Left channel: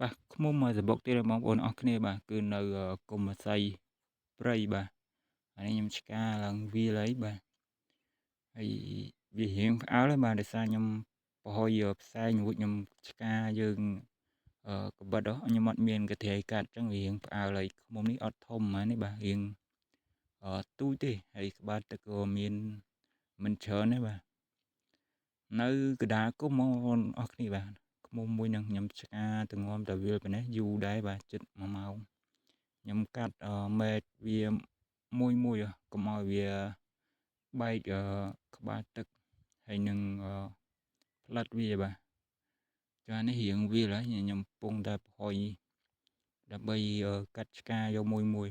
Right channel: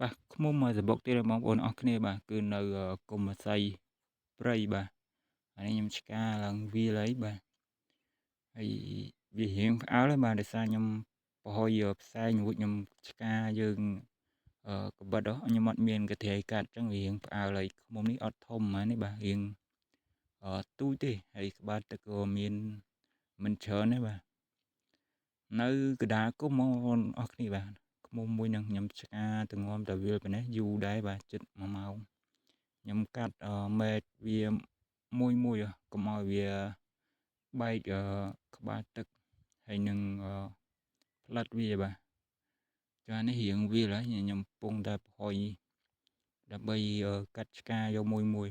បាទខ្ញុំសបុកទៀតបងប្អូនអស់គ្នាបាទគឺនៅកុំសីព្រៃបាទអានេះខ្ញុំឆ្កាឡើងវាលអីបាទហើយវារៀងផ្អើលហើយបាទដោយសារខ្ញុំប្រហុយផ្សែងរួចខ្ញុំឆ្កាយើងកបិតខ្ញុំអត់មានកន្ត្រៃកាត់អញ្ចឹងវារៀងផ្អើលហើយឃ្មុំនេះអត់ធំហ្មងនេះបាទរៀងទូចទេហើយក្បាលទឹកក៏មានមិនច្រើនទេបាទនៅកណ្ដាលគុំបងប្អូនអស់គ្នាបាទឃ្មុំមួយនឹងខ្ញុំឆ្កាទងំតាវាលប៉ុណ្ណេះយូរដែរបាទជិត1ម៉ោងខ្ញុំកាត់មែកវាមួយកុំឲ្យវាបែកក្បាលទឹកហើយនឹងផ្លិតវាបាទចានេះរៀងវាលហើយខ្ញុំកំពុងតែប្រហុយដើម្បីកាត់ឆ្កាយកមួយ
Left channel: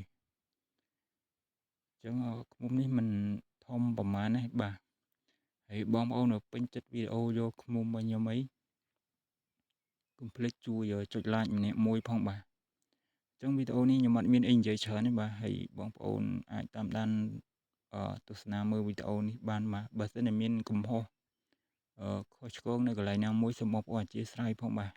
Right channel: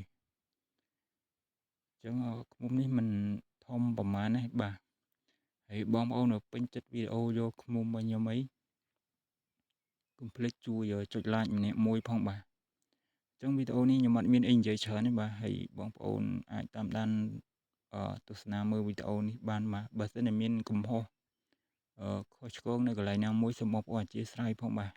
អញ្ចឹងឃ្មុំនេះមិនធំប្រហែលទេបាទហើយបងប្អូនពេញចិត្តវីដេអូយកឃ្មុំរបស់ខ្ញុំអីកុំភ្លេចជួយចុច like ម្នាក់មួយផងបាទអញ្ចឹងវីដេអូនេះខ្ញុំអត់មានអីនិយាយច្រើនទេបាទហើយបងប្អូនអាចតាមដានទស្សនាមើលវីដេអូនេះបានបាទបើសិនជាមានកំហុសខុសឆ្គងនៅកន្លែងណាមួយសូមបងប្អូនអធិស្ឋានផងបាទ